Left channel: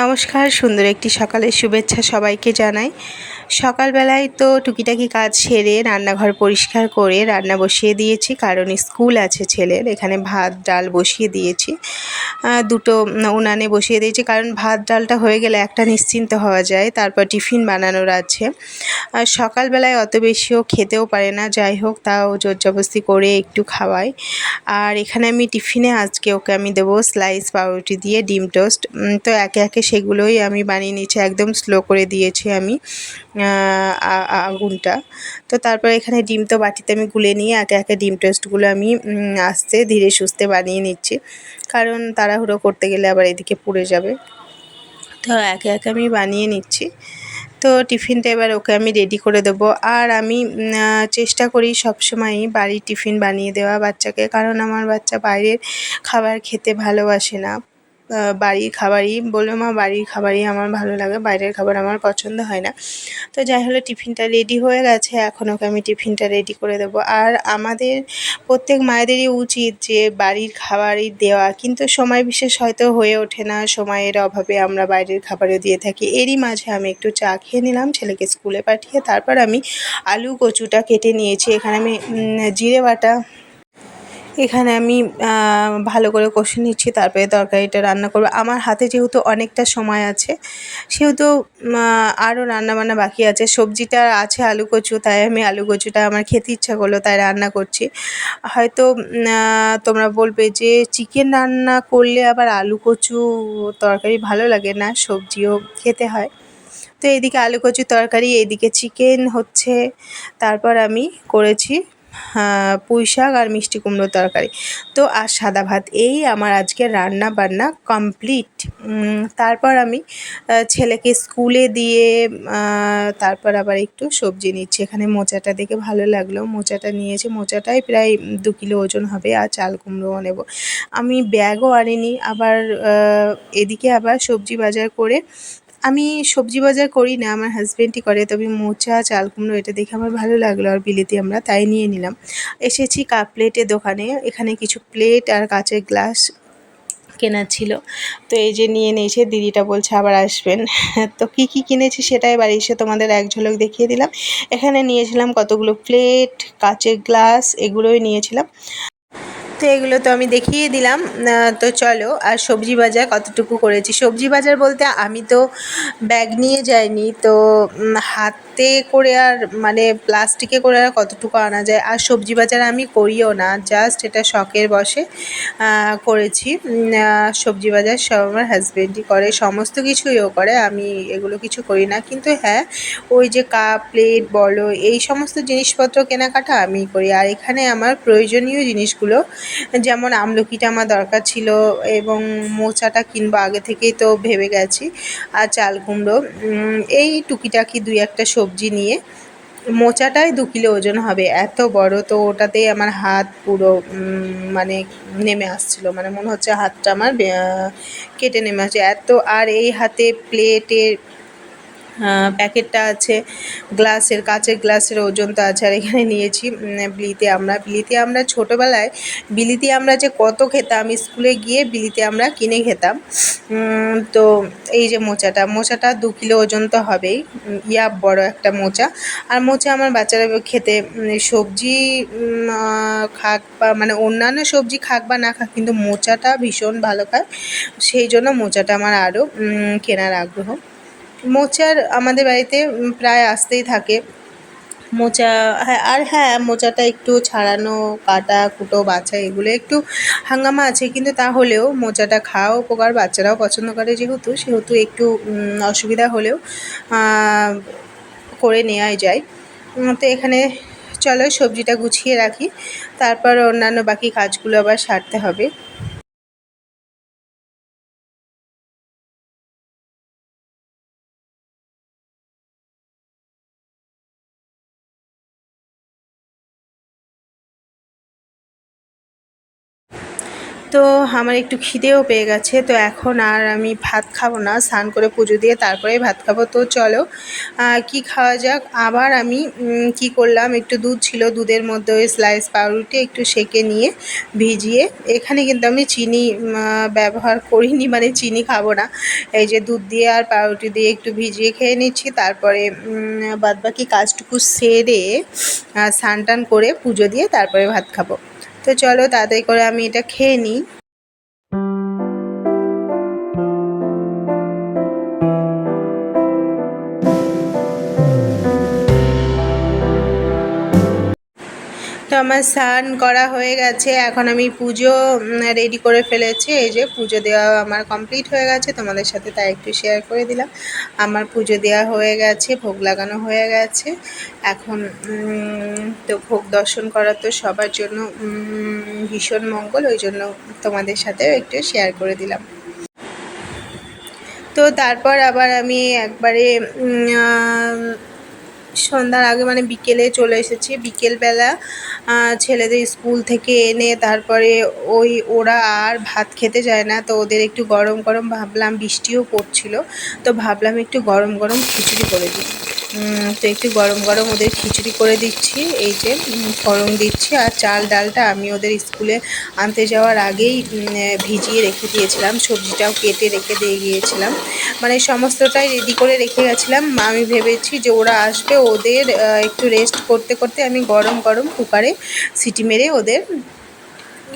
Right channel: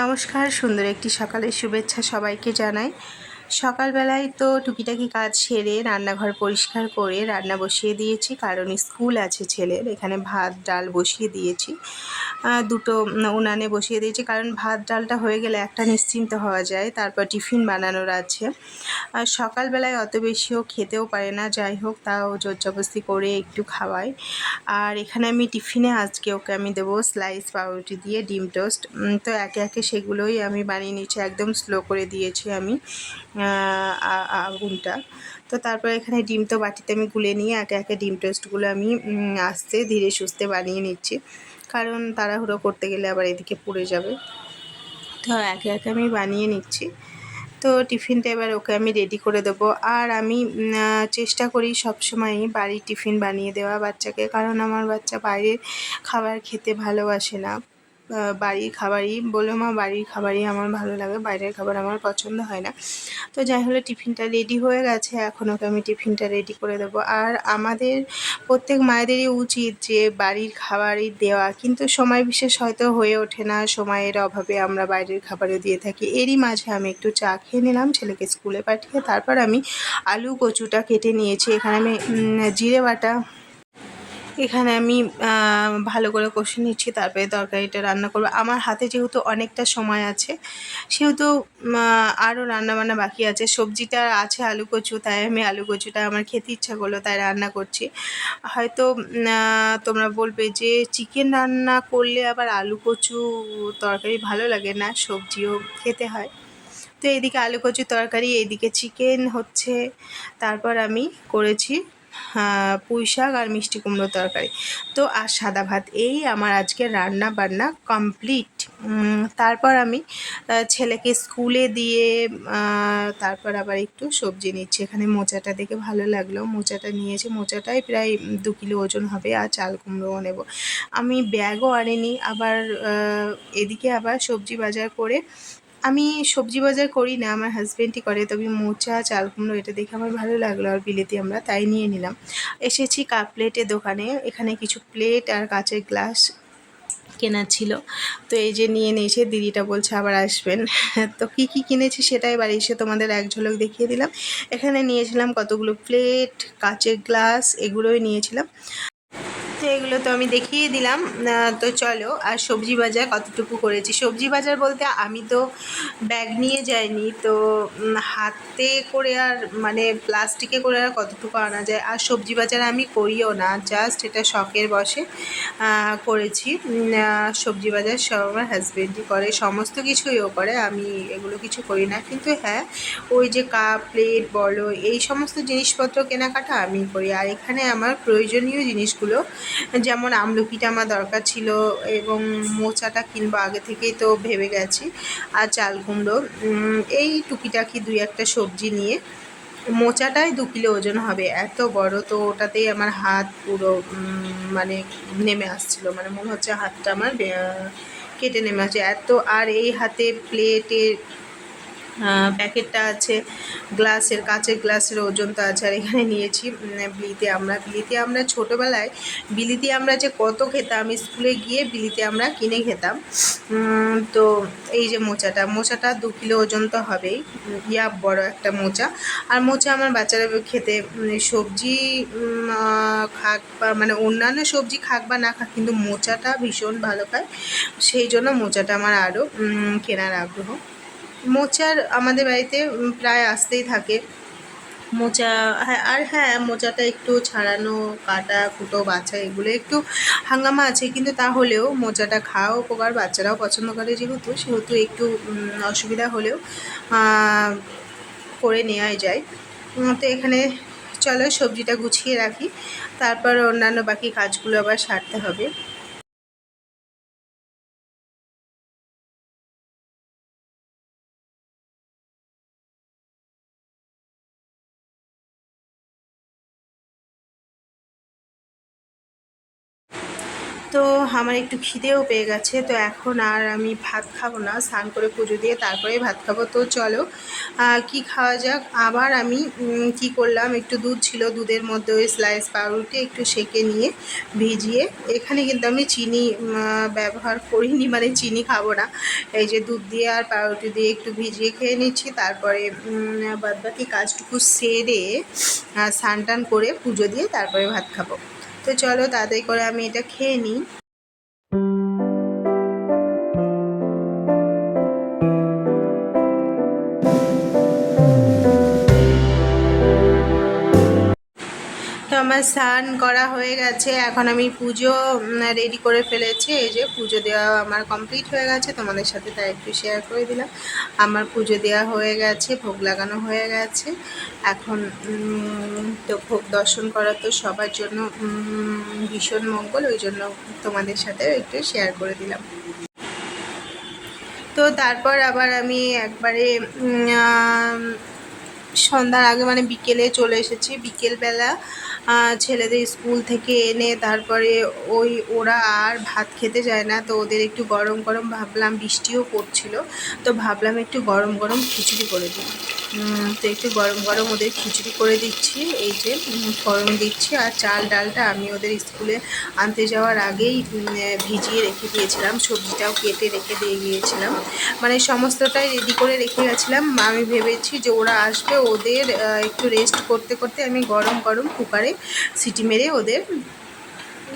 নমস্কার, সুন্দর একটি সকালের শুভেচ্ছা সবাইকে জানাই। সকালবেলায় তো টুকিটাকি কাজ সেরে রান্নাঘর পরিষ্কার করে রান্না বসিয়ে দিয়েছি, কারণ স্কুল আছে ছেলের। এখানে ভাত ডাল বসিয়ে দিয়েছি, দুটো উনানে বসিয়ে দিয়েছি, কারণ ভাত ডালটা হয়ে গেলে একটা নিশ্চিন্ত হওয়া যায়। তারপর টিফিন বানানোর আছে। আর সকালবেলায় অত বেশিও খেতেও পারে না, যাই হোক তাও জোরজবস্তি করে একটু খাওয়াই। আর এখানে আমি টিফিনে আজকে ওকে আমি দেবো স্লাইস পাউরুটি দিয়ে ডিম টোস্ট। তো একে একে সেগুলোই আমি বানিয়ে নিচ্ছি, একদম স্লো করে দিয়েছি আমি আগুনটা। তো তারপর এখানে ডিম তো বাটিতে আমি গুলে নিয়ে একে একে ডিম টোস্টগুলো আমি আস্তে ধীরে সুস্থে বানিয়ে নিচ্ছি, কারণ তাড়াহুড়ো করতে গেলে আবার এদিকে পুড়ে যাবে। তো একে একে আমি বানিয়ে নিচ্ছি। তো টিফিনটা এবার ওকে আমি রেডি করে দেবো। আর আমি চেষ্টা করি সবসময়ই বাড়ির টিফিন বানিয়ে দেওয়া বাচ্চাকে, কারণ আমার বাচ্চা বাইরের খাবার খেতে ভালোবাসে না। বাড়ির খাবারই বলবে, মা বাড়ির খাবারই আমার ভালো লাগে, বাইরের খাবার আমার পছন্দ হয় না। তো যাই হলো, টিফিনটা রেডি হয়ে গেছে, এখন ওকে আমি টিফিনটা রেডি করে দেবো। আর আমাদের প্রত্যেক মায়েদেরই উচিত যে বাড়ির খাবারই দেওয়া, কিন্তু সময় বিশেষ হয়তো হয়ে ওঠে না, সময়ের অভাবে আমরা বাইরের খাবারও দিয়ে থাকি। এরই মাঝে আমি একটু চা খেয়ে নিলাম ছেলেকে স্কুলে পাঠিয়ে। তারপর আমি আলু কচুটা কেটে নিয়েছি। এখানে আমি জিরে বাটা এখানে আমি ভালো করে কষে নিচ্ছি, তারপরে তরকারিটা রান্না করব। আমার হাতে যেহেতু অনেকটা সময় আছে, সেহেতু আরও রান্নাবান্না বাকি আছে। সবজিটা আছে আলু কচু, তাই আমি আলু কচুটা আমার খেতে ইচ্ছা করলো তাই রান্না করছি। হয়তো তোমরা বলবে যে চিকেন রান্না করলে আবার আলু কচু তরকারি ভালো লাগে না, সবজিও খেতে হয়। তো এইদিকে আলু কচুর তরকারি, এইদিকে চিকেন হচ্ছে। তারপর আমি করেছি পুঁই শাক আর মিষ্টি কুমড়োর তরকারি, তো আর সাদা ভাত। এই আমার আজকে রান্না বান্না কমপ্লিট। তারপর আমি ছেলেকে স্কুলে দিয়ে তারপর আবার একটু সবজি নিচ্ছি। এখানে মোচাটা দেখে ভালো লাগলো, মোচাটা নিয়েছি। মোচাটাই প্রায় 2 কিলো ওজন হবে। আর চাল কুমড়োও নেব। আমি ব্যাগও আনিনি। আবার এদিকে আবার সবজি বাজার করে, আমি সবজি বাজার করি না, আমার হাজব্যান্ডই করে, তবে মোচা চাল কুমড়ো এটা দেখে আমার ভালো লাগলো, আর বিলেতি আমরা তাই নিয়ে নিলাম। এসেছি কাপ প্লেটের দোকানে, এখানে কিছু প্লেট আর কাচের গ্লাস কেনার ছিল, তো এই যে নিয়ে নিয়েছে। দিদিটা বলছে আবার আসবেন। তো কী কী কিনেছি সেটাই এবার এসে তোমাদের এক ঝলক দেখিয়ে দিলাম। এখানে নিয়েছিলাম কতগুলো প্লেট, কাচের গ্লাস, এগুলোই নিয়েছিলাম। তো এগুলো তো আমি দেখিয়ে দিলাম। তো চলো, আর সবজি বাজার কতটুকু করেছি। সবজি বাজার বলতে আমি তো ব্যাগ নিয়ে যাইনি, তো হাতে করে আর মানে প্লাস্টিকে করে আর কতটুকু আনা যায়। আর সবজি বাজার আমি করিও না, জাস্ট এটা শখের বশে করেছি। সবজি বাজার সব আমার হাজব্যান্ডই করে, সমস্ত কিছুই ও করে, আমি এগুলো কিছু করি না। কিন্তু হ্যাঁ, ওই যে কাপ প্লেট বলো, এই সমস্ত জিনিসপত্র কেনাকাটা আমিই করি। আর এখানে আমার প্রয়োজনীয় জিনিসগুলো, যেমন আমলকিটা আমার দরকার ছিল, এবং মোচাটা কিনবো আগে থেকেই তো ভেবে গেছি, আর চাল কুমড়ো, এই টুকিটাকি 2-1টা সবজি নিয়ে। মোচাটাই 2 কিলো ওজন হবে, এত বড়, তো ওটাতেই আমার হাত পুরো মানে নেমে আসছিলো, মানে মনে হচ্ছে হাতটা আমার কেটে নেমে আসছে এত। আর এই হাতে প্লেটের প্যাকেটটা আছে, গ্লাসের, কাচের গ্লাসের ওজনটা আছে। আর এখানে নিয়েছি বিলিতি আমরা ছোটোবেলায় বিলিতি আমরা যে কত খেতাম, স্কুলে গিয়ে বিলিতি আমরা কিনে খেতাম। তো এই যে মোচাটা 2 কিলো ওজন তো হবেই, বড় একটা মোচা। আর মোচা আমার বাচ্চারা খেতে, সবজি খাক বা মানে অন্যান্য সবজি খাক বা না খাক, কিন্তু মোচাটা ভীষণ ভালো খায়, সেই জন্য মোচাটা আমার আরও কেনার আগ্রহ। মোচার আমাদের বাড়িতে প্রায় আসতেই থাকে মোচা। হ্যাঁ, আর হ্যাঁ, মোচাটা একটু ছাড়ানো, কাটা কুটো বাছা, এগুলো একটু হাঙ্গামা আছে, কিন্তু তাহলেও মোচাটা খাওয়া উপকার, বাচ্চারাও পছন্দ করে সেহেতু একটু অসুবিধা হলেও করে নেওয়াই যায়। তো এখানে চলো সবজিটা গুছিয়ে রাখি, তারপর অন্যান্য বাকি কাজগুলো আবার সারতে হবে। তো আমার একটু খিদেও পেয়ে গেছে, তো এখন আর আমি ভাত খাবো না, স্নান করে পুজো দিয়ে তারপরেই ভাত খাবো। তো চলো কি খাওয়া যাক। আবার আমি কি করলাম, একটু দুধ ছিল, দুধের মধ্যে ওই স্লাইস পাউরুটি একটু সেঁকে নিয়ে ভিজিয়ে, এখানে কিন্তু আমি চিনি ব্যবহার করিনি, মানে চিনি খাবো না। এই যে দুধ দিয়ে আর পাউরুটি দিয়ে একটু ভিজিয়ে খেয়ে নিচ্ছি, তারপরে বাদবাকি কাজটুকু সেরে স্নান টান করে পুজো দিয়ে তারপরে ভাত খাবো। তো চলো তাড়াতাড়ি করে আমি এটা খেয়ে নিই। তো আমার স্নান করা হয়ে গেছে, এখন আমি পুজো রেডি করে ফেলেছি। এই যে পুজো দেওয়া আমার কমপ্লিট হয়ে গেছে, তোমাদের সাথে তাই একটু শেয়ার করে দিলাম। আমার পুজো দেওয়া হয়ে গেছে, ভোগ লাগানো হয়ে গেছে। এখন তো ভোগ দর্শন করা তো সবার জন্য ভীষণ মঙ্গল, ওই জন্য তোমাদের সাথেও একটু শেয়ার করে দিলাম। তো তারপর আবার আমি একবারে সন্ধ্যার আগে মানে বিকেলে চলে এসেছি। বিকেলবেলা ছেলেদের স্কুল থেকে এনে তারপরে ওরা আর ভাত খেতে যায় না, তো ওদের একটু গরম গরম ভাবলাম, বৃষ্টিও পড়ছিল, তো ভাবলাম একটু গরম গরম খিচুড়ি করে দিই। তো একটু গরম গরম ওদের খিচুড়ি করে দিচ্ছি। এই যে ফোড়ন দিচ্ছি, আর চাল ডালটা আমি ওদের স্কুলে আনতে যাওয়ার আগেই ভিজিয়ে রেখে দিয়েছিলাম, সবজিটাও কেটে রেখে দিয়ে গিয়েছিলাম, মানে সমস্তটাই রেডি করে রেখে গেছিলাম। আমি ভেবেছি যে ওরা আসবে, ওদের একটু রেস্ট করতে করতে আমি গরম গরম কুকারে সিটি মেরে ওদের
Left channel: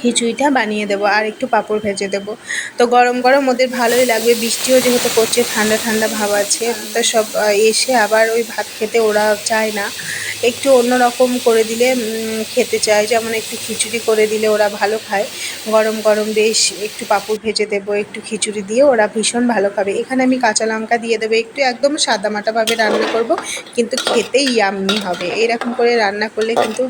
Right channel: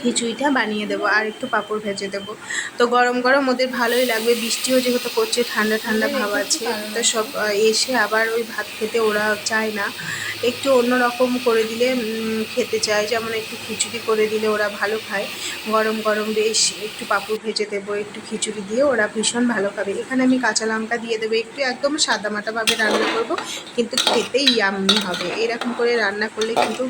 খিচুড়িটা বানিয়ে দেবো, আর একটু পাঁপড় ভেজে দেবো। তো গরম গরম ওদের ভালোই লাগবে, বৃষ্টিও যেহেতু করছে, ঠান্ডা ঠান্ডা ভাব আছে। তো সব এসে আবার ওই ভাত খেতে ওরা চায় না, একটু অন্য রকম করে দিলে খেতে চায়, যেমন একটু খিচুড়ি করে দিলে ওরা ভালো খায়। গরম গরম বেশ একটু পাঁপড় ভেজে দেবো, একটু খিচুড়ি দিয়ে ওরা ভীষণ ভালো খাবে। এখানে আমি কাঁচা লঙ্কা দিয়ে দেবো, একটু একদম সাদামাটাভাবে রান্না করব, কিন্তু খেতে ইয়াম্মি হবে। এরকম করে রান্না করলে কিন্তু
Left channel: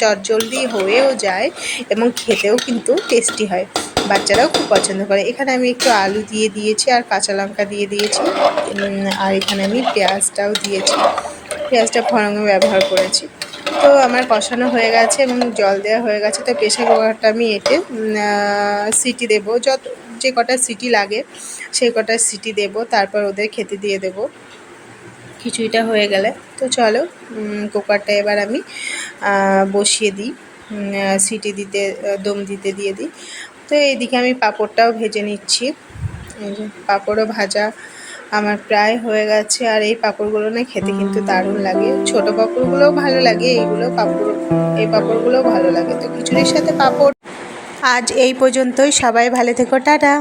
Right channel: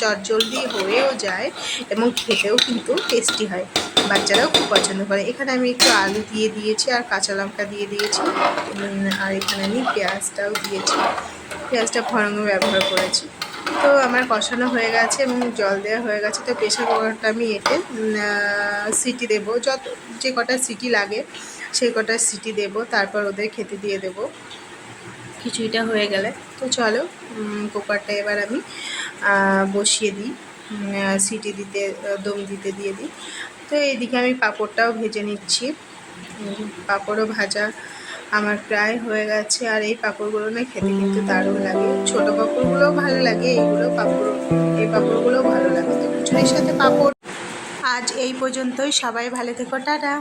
চটজলদি হয়েও যায় এবং খেতেও কিন্তু টেস্টি হয়, বাচ্চারাও খুব পছন্দ করে। এখানে আমি একটু আলু দিয়ে দিয়েছি আর কাঁচা লঙ্কা দিয়ে দিয়েছি, আর এখানে আমি পেঁয়াজটাও দিয়েছি, পেঁয়াজটা ফোড়নে ব্যবহার করেছি। তো আমার কষানো হয়ে গেছে এবং জল দেওয়া হয়ে গেছে। তো প্রেসার কুকারটা আমি এতে সিটি দেবো, যে কটা সিটি লাগে সেই কটা সিটি দেবো, তারপর ওদের খেতে দিয়ে দেবো খিচুড়িটা হয়ে গেলে। তো চলো কুকারটা এবার আমি বসিয়ে দিই, সিটি দিতে দম দিতে দিয়ে দিই। তো এইদিকে আমি পাঁপড়টাও ভেজে নিচ্ছি, পাঁপড়ও ভাজা আমার প্রায় হয়ে গেছে। আর এই পাঁপড়গুলো না খেতে কিন্তু দারুণ লাগে, ছোটো পাঁপড়গুলোও ভালো লাগে, এই পাঁপড়গুলোও ভালো লাগে। তো খিচুড়ির সাথে পাঁপড়। আজ এই পর্যন্তই, সবাই ভালো থেকো, টাটা।